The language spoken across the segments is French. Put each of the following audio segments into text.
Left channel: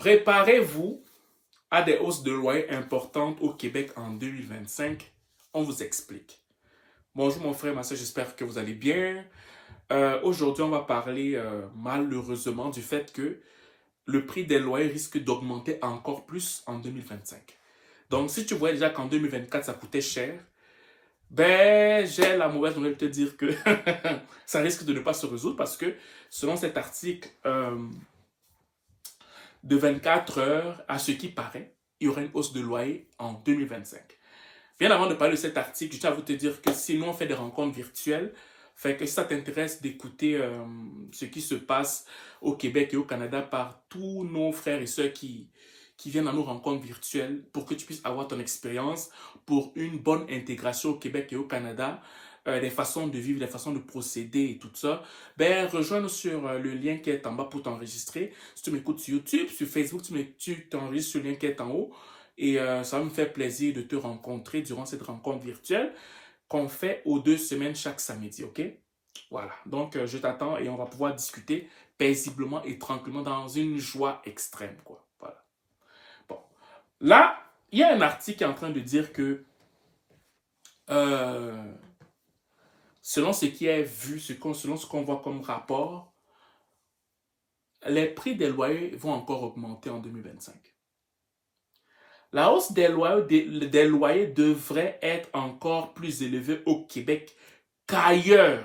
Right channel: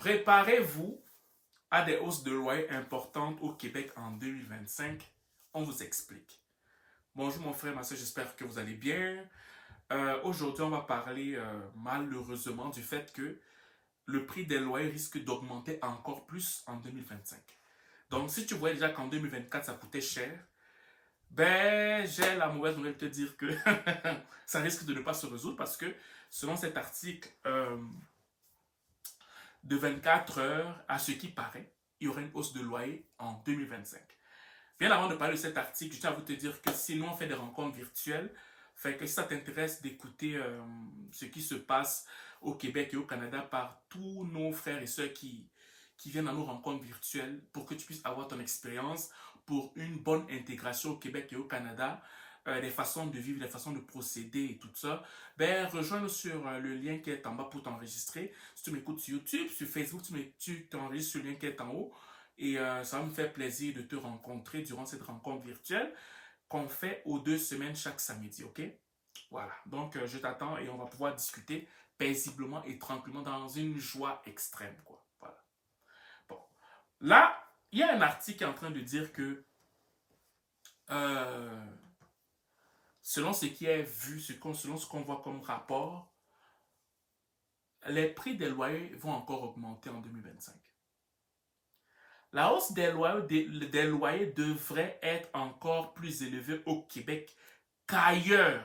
Préparez-vous à des hausses de loyer importantes au Québec en 2025. On vous explique. Bonjour mon frère, ma soeur, j'espère que vous allez bien. Aujourd'hui, on va parler malheureusement du fait que le prix des loyers risque d'augmenter encore plus en 2025. Donc, si tu voyais déjà qu'en 2024, ça coûtait cher, ben, j'ai la mauvaise nouvelle de te dire que ça risque de ne pas se résoudre parce que selon cet article, de 24 heures, à ce qui paraît, il y aura une hausse de loyer en 2025. Bien avant de parler de cet article, je tiens à vous te dire que si nous on fait des rencontres virtuelles, fait que si ça t'intéresse d'écouter ce qui se passe au Québec et au Canada par tous nos frères et sœurs qui viennent à nos rencontres virtuelles pour que tu puisses avoir ton expérience pour une bonne intégration au Québec et au Canada, des façons de vivre, des façons de procéder et tout ça, ben rejoins-nous sur le lien qui est en bas pour t'enregistrer. Si tu m'écoutes sur YouTube, sur Facebook, tu t'enregistres sur le lien qui est en haut. Et ça va me faire plaisir de te rencontrer durant cette rencontre virtuelle qu'on fait aux 2 semaines chaque samedi, ok? Voilà, donc je t'attends et on va pouvoir discuter paisiblement et tranquillement dans une joie extrême, quoi. Voilà. Bon, là, il y a un article qui est en train de dire que euh, selon ce qui est vu, selon ce qu'on voit comme rapport, les prix des loyers vont encore augmenter en 2025. La hausse des loyers devrait être encore plus élevée au Québec qu'ailleurs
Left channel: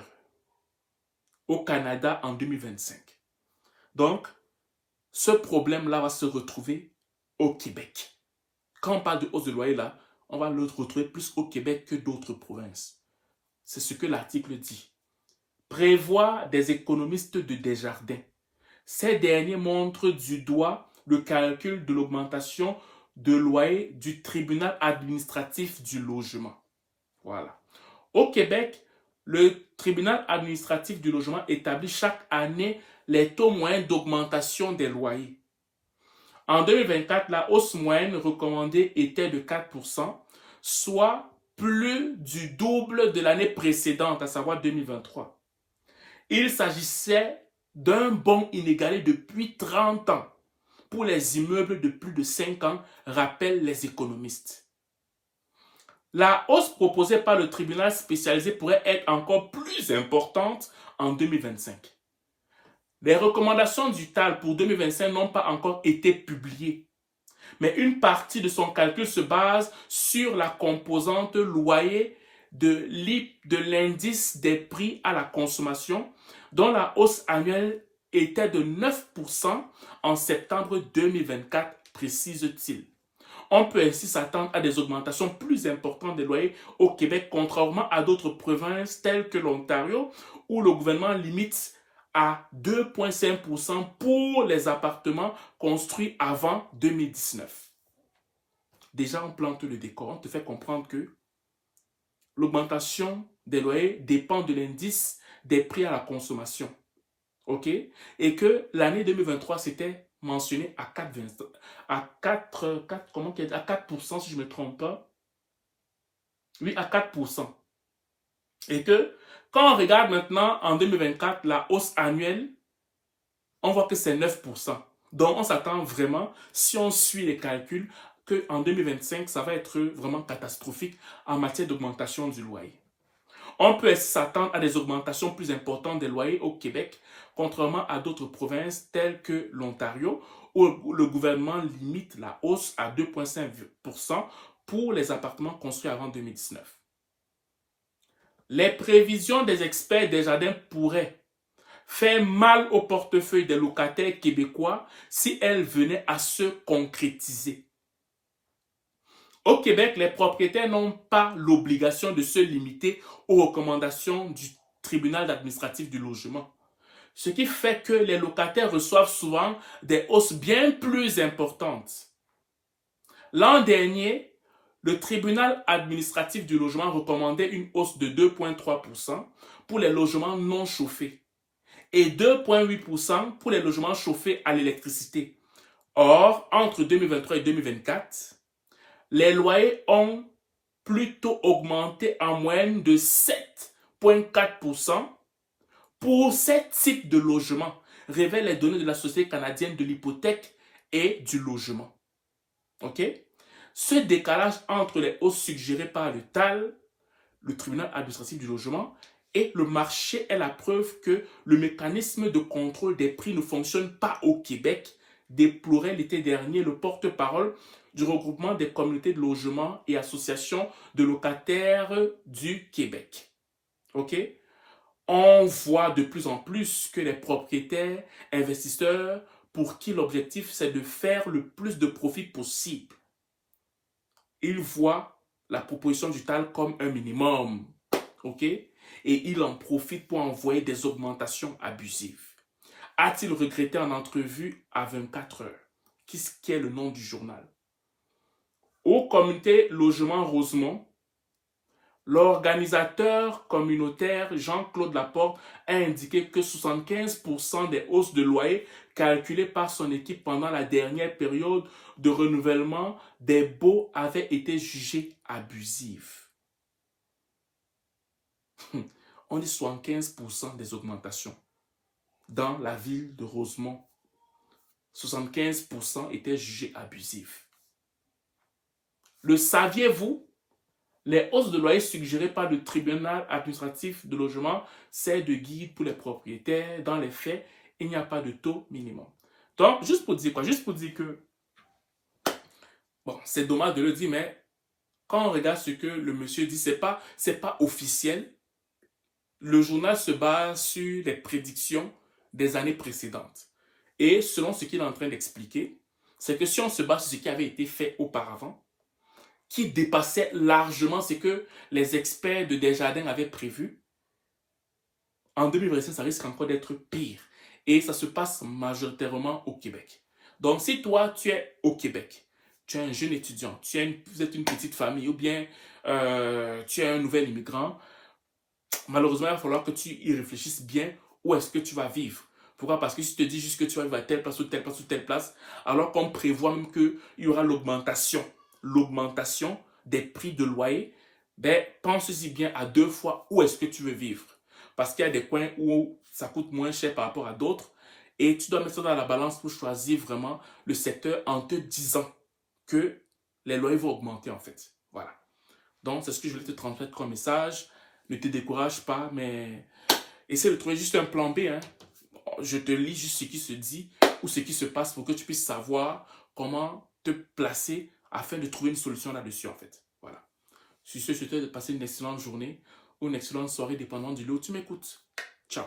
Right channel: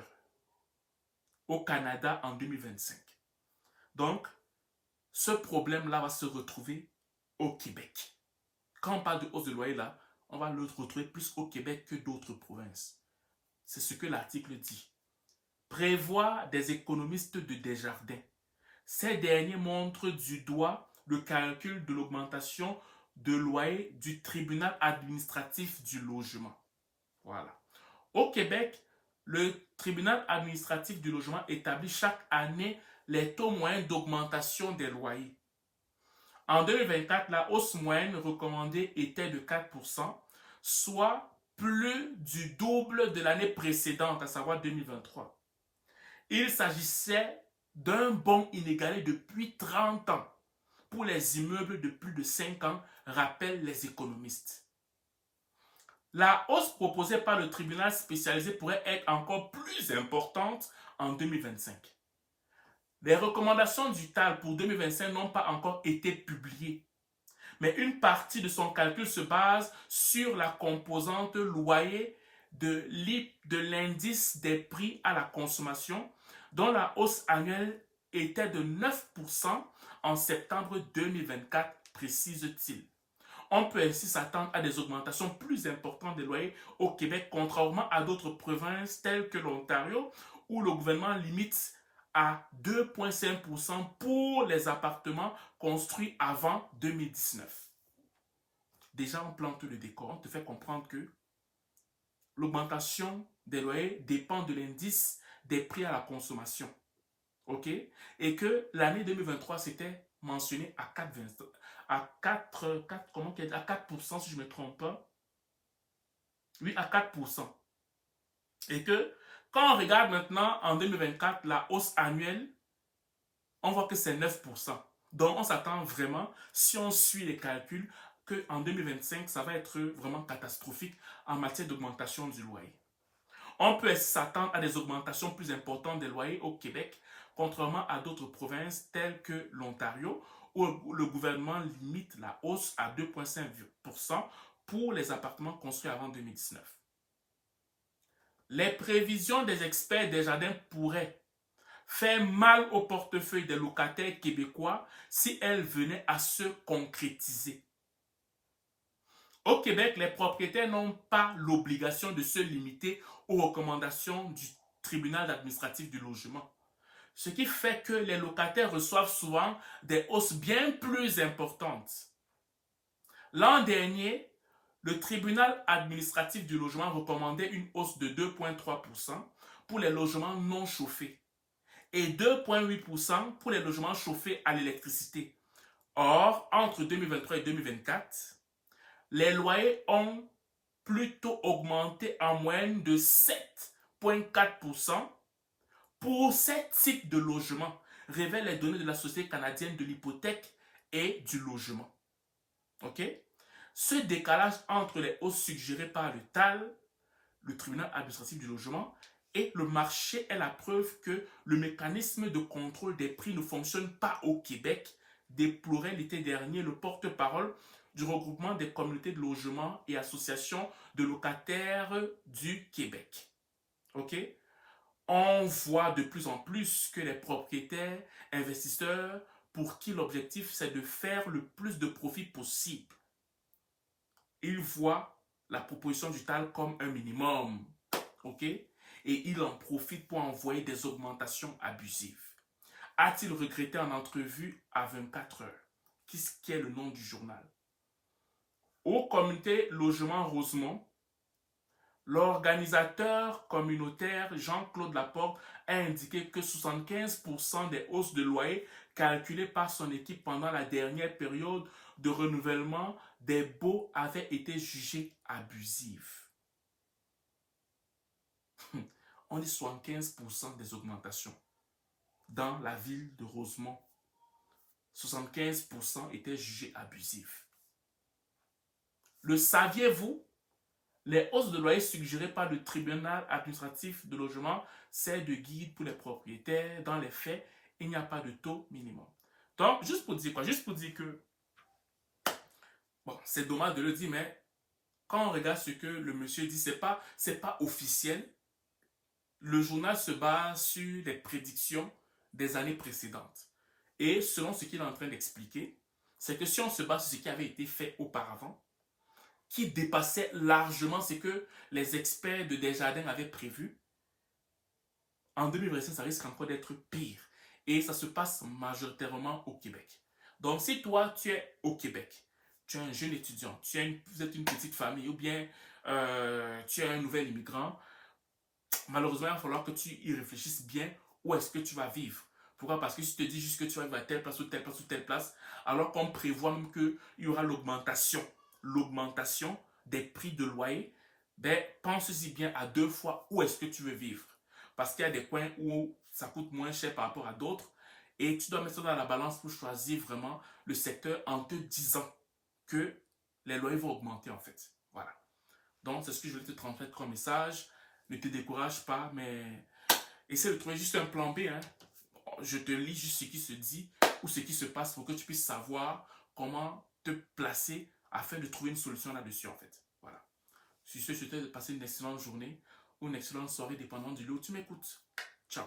au Canada en 2025. Donc, ce problème-là va se retrouver au Québec. Quand on parle de hausse de loyer, là, on va le retrouver plus au Québec que d'autres provinces. C'est ce que l'article dit. Prévoit des économistes de Desjardins. Ces derniers montrent du doigt le calcul de l'augmentation de loyer du tribunal administratif du logement. Voilà. Au Québec, le tribunal administratif du logement établit chaque année les taux moyens d'augmentation des loyers. En 2024, la hausse moyenne recommandée était de 4%, soit plus du double de l'année précédente, à savoir 2023. Il s'agissait d'un bond inégalé depuis 30 ans pour les immeubles de plus de 5 ans, rappellent les économistes. La hausse proposée par le tribunal spécialisé pourrait être encore plus importante en 2025. Les recommandations du TAL pour 2025 n'ont pas encore été publiées, mais une partie de son calcul se base sur la composante loyer de l'indice des prix à la consommation, dont la hausse annuelle était de 9% en septembre 2024, précise-t-il. On peut ainsi s'attendre à des augmentations plus importantes des loyers au Québec, contrairement à d'autres provinces telles que l'Ontario, où le gouvernement limite à 2,5% pour les appartements construits avant 2019. Déjà, on plante le décor, on te fait comprendre que l'augmentation des loyers dépend de l'indice des prix à la consommation. OK? Et que l'année 2023, c'était mentionné à 4%, si je ne me trompe pas. Oui, à 4%. Et que quand on regarde maintenant en 2024 la hausse annuelle, on voit que c'est 9%. Donc, on s'attend vraiment, si on suit les calculs, qu'en 2025, ça va être vraiment catastrophique en matière d'augmentation du loyer. On peut s'attendre à des augmentations plus importantes des loyers au Québec, contrairement à d'autres provinces telles que l'Ontario, où le gouvernement limite la hausse à 2,5% pour les appartements construits avant 2019. Les prévisions des experts Desjardins pourraient faire mal au portefeuille des locataires québécois si elles venaient à se concrétiser. Au Québec, les propriétaires n'ont pas l'obligation de se limiter aux recommandations du tribunal administratif du logement. Ce qui fait que les locataires reçoivent souvent des hausses bien plus importantes. L'an dernier, le tribunal administratif du logement recommandait une hausse de 2,3% pour les logements non chauffés et 2,8% pour les logements chauffés à l'électricité. Or, entre 2023 et 2024, les loyers ont plutôt augmenté en moyenne de 7,4% pour ces types de logements, révèlent les données de la Société canadienne de l'hypothèque et du logement. OK? Ce décalage entre les hausses suggérées par le TAL, le tribunal administratif du logement, et le marché est la preuve que le mécanisme de contrôle des prix ne fonctionne pas au Québec, déplorait l'été dernier le porte-parole du regroupement des communautés de logement et associations de locataires du Québec. OK? On voit de plus en plus que les propriétaires, investisseurs, pour qui l'objectif c'est de faire le plus de profit possible, ils voient la proposition du TAL comme un minimum. OK? Et ils en profitent pour envoyer des augmentations abusives. A-t-il regretté en entrevue à 24 heures? Qui est le nom du journal? Au comité Logement Rosemont, l'organisateur communautaire Jean-Claude Laporte a indiqué que 75% des hausses de loyer calculées par son équipe pendant la dernière période de renouvellement des baux avaient été jugées abusives. On dit 75% des augmentations. Dans la ville de Rosemont, 75% étaient jugés abusifs. Le saviez-vous? Les hausses de loyer suggérées par le tribunal administratif de logement servent de guide pour les propriétaires. Dans les faits, il n'y a pas de taux minimum. Donc, juste pour dire quoi? Juste pour dire que, bon, c'est dommage de le dire, mais quand on regarde ce que le monsieur dit, c'est pas officiel. Le journal se base sur les prédictions des années précédentes. Et selon ce qu'il est en train d'expliquer, c'est que si on se base sur ce qui avait été fait auparavant, qui dépassait largement ce que les experts de Desjardins avaient prévu, en 2025, ça risque encore d'être pire. Et ça se passe majoritairement au Québec. Donc, si toi, tu es au Québec, tu es un jeune étudiant, vous êtes une petite famille ou bien tu es un nouvel immigrant, malheureusement, il va falloir que tu y réfléchisses bien où est-ce que tu vas vivre. Pourquoi? Parce que si tu te dis juste que tu vas vivre à telle place ou telle place ou telle place, alors qu'on prévoit même qu'il y aura l'augmentation des prix de loyer, ben, pense-y bien à 2 fois où est-ce que tu veux vivre. Parce qu'il y a des coins où ça coûte moins cher par rapport à d'autres et tu dois mettre ça dans la balance pour choisir vraiment le secteur en te disant que les loyers vont augmenter en fait. Voilà. Donc, c'est ce que je voulais te transmettre comme message. Ne te décourage pas, mais essaie de trouver juste un plan B. Hein. Je te lis juste ce qui se dit ou ce qui se passe pour que tu puisses savoir comment te placer afin de trouver une solution là-dessus, en fait. Voilà. Sur ce, je te souhaite de passer une excellente journée ou une excellente soirée, dépendant du lieu où tu m'écoutes. Ciao.